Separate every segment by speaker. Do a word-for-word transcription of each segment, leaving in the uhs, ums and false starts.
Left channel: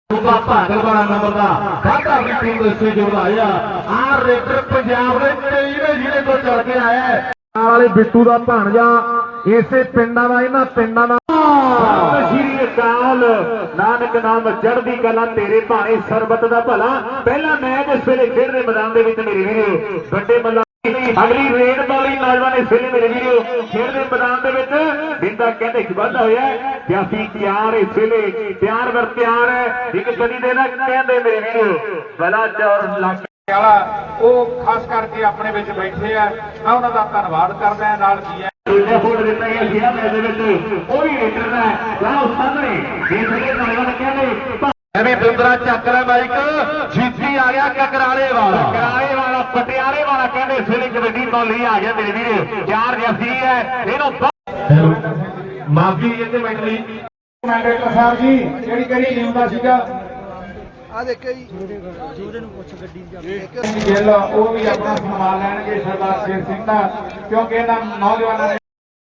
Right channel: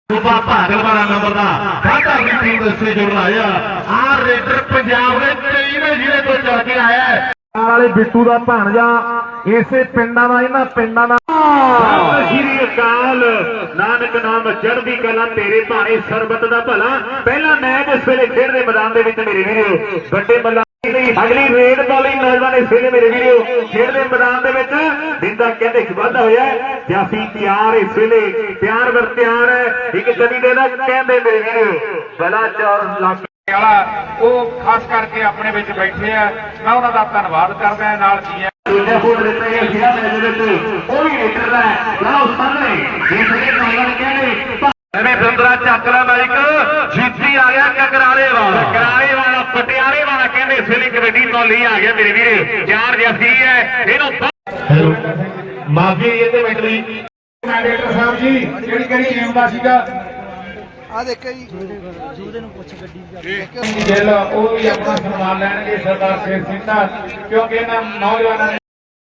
Speaker 1: ਭਾਗਲ ਵਾਲਾ ਨੰਬਰ ਦਾ ਖਾਤਾ ਵੀ ਟੀਮ ਦੇ ਸੇ ਜੁੜ ਲਾਇਆ ਆ ਰੇਡਰ ਪੰਜਾਬ ਦੇ ਕਈ ਨੇ ਜਿਹੜੇ ਤੋਂ ਚੱਲ ਕੇ ਆਇਆ ਹੈ ਵਾਲੇ ਬਿੱਟੂ ਦਾ ਭਾਣਜਾ ਇਸੇ ਪਿੰਡਾਂ ਦਾ ਇਹਨਾਂ ਪਿੰਡਾਂ ਦਾ ਸ਼੍ਰੀ ਅਕਾਲ ਨਾਨਕ ਨਾਮ ਚੜ੍ਹਦੀ ਕਲਾ ਤੇਰੇ ਭਾਣੇ ਸਰਬਤ ਦਾ ਭਲਾ ਪਹਿਲਾ ਮੈਚ ਇਸ ਵੇਲੇ ਖੇਡ ਦੇ ਮੈਦਾਨ ਦੇ ਵਿੱਚ ਮੇਰੇ ਵੀਰੋ ਵੱਡੇ ਬੱਲਾ ਅਗਲੀ ਰੇਡ ਬੋਲੀ ਨੌਜਵਾਨ ਇਸ ਵੇਲੇ ਮੇਰੇ ਵੀਰੋ ਖੇਡ ਦੇ ਮੈਦਾਨ ਦੇ ਵਿੱਚ ਦਿੰਦਾ ਕਹਿੰਦੇ ਵਾਧਾ ਹੋਇਆ ਜਾਫੀ ਤਿਆਰ ਇਸ ਵੇਲੇ ਪਿਆਰ ਵਰ ਤਿਆਰ ਹੈ ਇੱਕ ਕਦੀ ਦੇ ਨਾ ਕਹਿੰਦੇ ਮੇਰੇ ਵੀਰੋ ਬਲਾ ਚੌਰ ਲੱਗ
Speaker 2: ਉਹ ਖਾਸ ਕਰਕੇ ਆਪਣੇ ਵਿੱਚ ਬੈਠੇ ਆ ਮੈਂ ਉਹਨਾਂ ਦਾ ਧੰਨਵਾਦ ਕਰਦਾ ਨਾਲ ਜੀ
Speaker 1: ਦੂਜਾ ਫੋਟ ਦਿੱਤਾ ਗਿਆ ਜਿਹੜਾ ਮੈਚ ਦੇ ਵਿੱਚ ਉਹ ਵੀ ਲੀਡਰ ਦਾ ਲਾਓ ਸਾਹਮਣੇ ਇਹ ਜਿਹੜੇ ਨੌਜਵਾਨ ਕਹਿੰਦੇ ਐਵੇਂ ਦੰਦਰਾ ਚੱਕਰਾ ਮੈਰਿਕ ਜੀਤੀ ਆ ਗਿਆ ਕਕਰਾਲੇ ਵਾਲਾ ਕਕਰਾਲੇ ਵਾਲਾ ਪਟਿਆਲੇ ਵਾਲਾ ਕਹਿੰਦੇ ਇਸ ਵੇਲੇ ਕਬੱਡੀ ਤੋਂ ਲਈ ਆ ਗਿਆ ਮੇਰੇ ਵੀਰੇ ਚਾਰ ਜਫੀ ਹੈ ਇਹਨੂੰ ਮਾਫੀ ਇਹਦੇ ਵਿੱਚ ਲਈ
Speaker 2: ਡਾਕਟਰ ਸਾਹਿਬ ਜੀ ਕਿਹੜੀ ਕਿਹੜੀ ਗੇਮ ਦਾ ਸੀਗਾ
Speaker 3: ਆ ਦੇਖੋ ਜੀ ਜੂਦੇ ਨੂੰ ਪੁੱਛ ਗੱਡੀ
Speaker 2: ਚਲੋ ਉਹ ਵੀ ਆਪਣਾ ਸਨਮਾਨ ਲੈਣਗੇ ਸਰਦਾਰ ਸ਼ੇਰ ਸਿੰਘ ਦਾ ਕਿਉਂਕਿ ਇਹਨਾਂ ਨੌਜਵਾਨਾਂ ਨੇ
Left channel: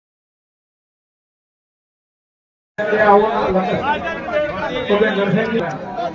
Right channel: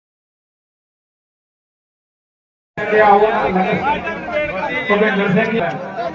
Speaker 2: ਲਿਆ ਹੋਇਆ ਸੁਖਿੰਦਰ ਸਿੰਘ ਜੀ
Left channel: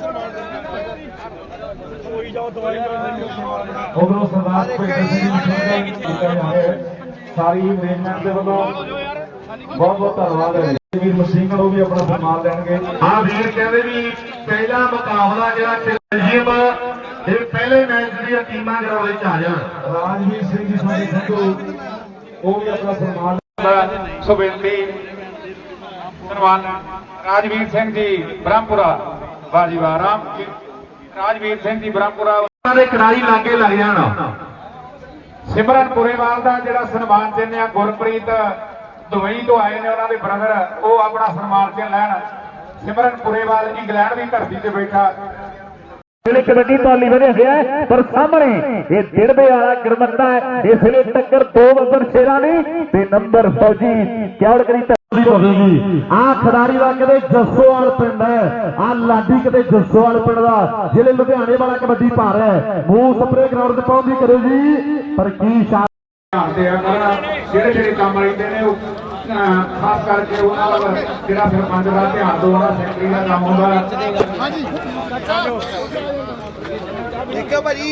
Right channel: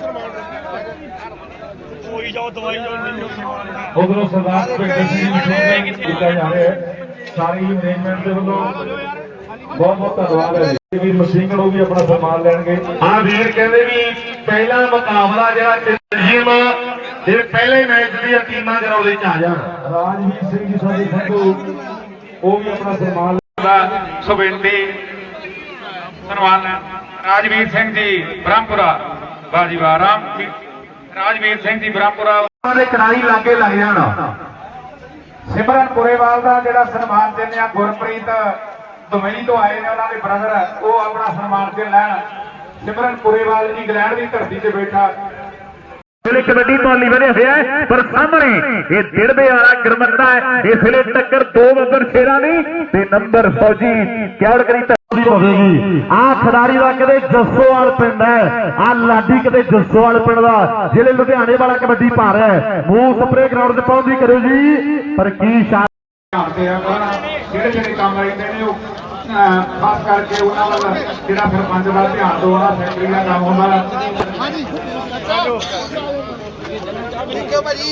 Speaker 3: ਕੋਈ ਜਾਓ ਦਵਾਈ ਜਾਓ ਮੈਨੂੰ
Speaker 2: ਉਧਰੋਂ ਸਰਦਾਰ ਸੁਖਿੰਦਰ ਸਿੰਘ ਜੀ ਕੀਤਾ ਜਾ ਰਿਹਾ ਸਾਰੀ ਮੈਨੇਜਮੈਂਟ ਦੇ ਵੱਲੋਂ ਬਹੁਤ ਬਹੁਤ ਧੰਨਵਾਦ ਹੈ ਵੀਰ ਮਸੀਹ ਉਹ ਵੀ ਆਪਣਾ ਸਨਮਾਨ ਲੈਣਗੇ
Speaker 1: ਹਾਂ ਵੀਰ ਕਹਿੰਦੇ ਵੀ ਪਹਿਲਾ ਮੁਕਾਬਲਾ ਜਿਹੜਾ ਟੀਮ ਇਹ ਪਹਿਲੇ ਮੈਚ ਦੀਆਂ ਟੀਮਾਂ ਕਰਾਉਦੇ ਚ ਆ ਜਾਣ
Speaker 2: ਰਾਜਵੀਰ ਸਿੰਘ ਜੀ ਸਾਡੇ ਸੰਧੂ ਉਹ ਵੀ ਆਪਣਾ ਸਨਮਾਨ ਦਾ ਸੁਬੇਂਦੀ ਸਨਮਾਨ ਰਾਜਵੀਰ ਸਿੰਘ ਜੀ ਬ੍ਰਹਮਪੁਰਾ ਬਾਜੀ ਵਾਹ ਰਾਮ ਰਾਜਵੀਰ ਸਿੰਘ ਜੀ ਬ੍ਰਹਮਪੁਰਾ
Speaker 1: ਦੇ ਕਰਾਈ ਲਾਗੇ ਲੱਗ ਜਾਣਾ
Speaker 2: ਸਿਮਰਨ ਪੁਰੇਵਾਲ ਦਾ ਜਿਹੜਾ ਸਨਮਾਨ ਦਿੰਦੇ ਆ ਗੁਰਪ੍ਰੀਤ ਦੁਬਈ ਤੋਂ ਆਏ ਨੇ ਉਹਨਾਂ ਦੇ ਬ੍ਰਦਰ ਉਹ ਆਪਣਾ ਸਨਮਾਨ ਦੇ ਲੈਣ ਸਿਮਰਨ ਪੁਰੇਵਾਲ ਇੰਗਲੈਂਡ ਦੀ ਧਰਤੀ ਤੇ ਬੈਠਾ
Speaker 1: ਵੇਲੇ ਕਬੱਡੀ ਪਾਲੀ ਵਧਿਆ ਹੋਇਆ ਪਰ ਸਾਹਮਣੇ ਇਹ ਦਿੜਬੇ ਵਾਲਾ ਗਰਮੱਤਾ ਹੈ ਇਸ ਵੇਲੇ ਟੱਕਰ ਦੋ ਨੰਬਰ ਸ਼ੇਰਾਂ ਦੀ ਤੇ ਨੰਬਰ ਫੌਜੀ ਕਿਉੜ ਕਰੀ ਹੋਵੇਗੀ ਆ ਖਿਡਾਰੀ ਦਾ ਕਦੇ ਜੱਸੋਵਾਲ ਪਿੰਡ ਹੈ ਆ ਲਾਡੀ ਕਦੇ ਜੱਸੋਵਾਲ ਪਿੰਡ ਦਾ ਜਿਹੜੇ ਲੁਧਿਆਣੇ ਵਾਲਾ ਕਬੱਡੀ ਪਾ ਰਿਹਾ ਹੈ ਮੂੰਹ ਸਪਰੇ ਗਰਾਊਂਡ ਤੇ ਪਹੁੰਚਦੀ ਕਰਿਓ ਜੀ ਪਰ ਕੀ ਸ਼ਾਟ
Speaker 2: ਧਿਆਨ ਆ ਕਰਨ ਜਿਹੜੇ ਜਿਹੜੇ ਕੰਮ ਰਹਿੰਦੇ ਨੇ ਉਹ ਖਾਸ ਕਰਕੇ ਉਹਨਾਂ ਵੱਲ ਜਿਹੜਾ ਸਰਪੰਚ ਦਾ ਧਿਆਨ ਦੋਣਾ ਸੈਕਟਰੀ ਦਾ ਕੰਮ ਹੁੰਦਾ
Speaker 3: ਹਾਂਜੀ ਠੀਕ ਹੈ ਭਾਜੀ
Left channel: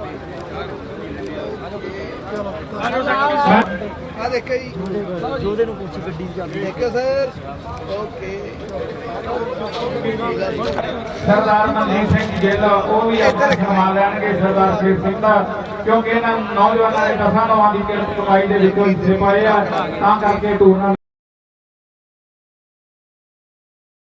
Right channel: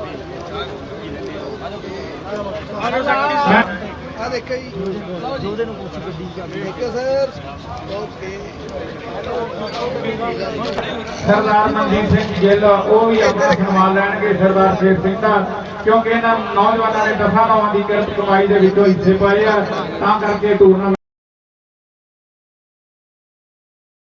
Speaker 3: ਆ ਦੇਖੋ ਜੀ ਜੂਦੇ ਨੂੰ ਪੁੱਛ ਗੱਡੀ ਠੀਕ ਹੈ ਸਰ ਓਕੇ
Speaker 2: ਸਰਦਾਰ ਮਨਜੀਤ ਸਿੰਘ ਗਿੱਲ ਉਹ ਵੀ ਆਪਣਾ ਸਨਮਾਨ ਲੈਣਗੇ ਸਰਦਾਰ ਸ਼ੇਰ ਸਿੰਘ ਦਾ ਕਿਉਂਕਿ ਇਹਨਾਂ ਨੌਜਵਾਨਾਂ ਨੇ ਦਸਾਂ ਨੌਂ ਦੀ ਕਿਰਤ ਕਮਾਈ ਦੇ ਵਿੱਚੋਂ ਹਿੱਸੇ ਪਾਏ ਆ ਤਾਂ ਕਰਕੇ ਟੂਰਨਾਮੈਂਟ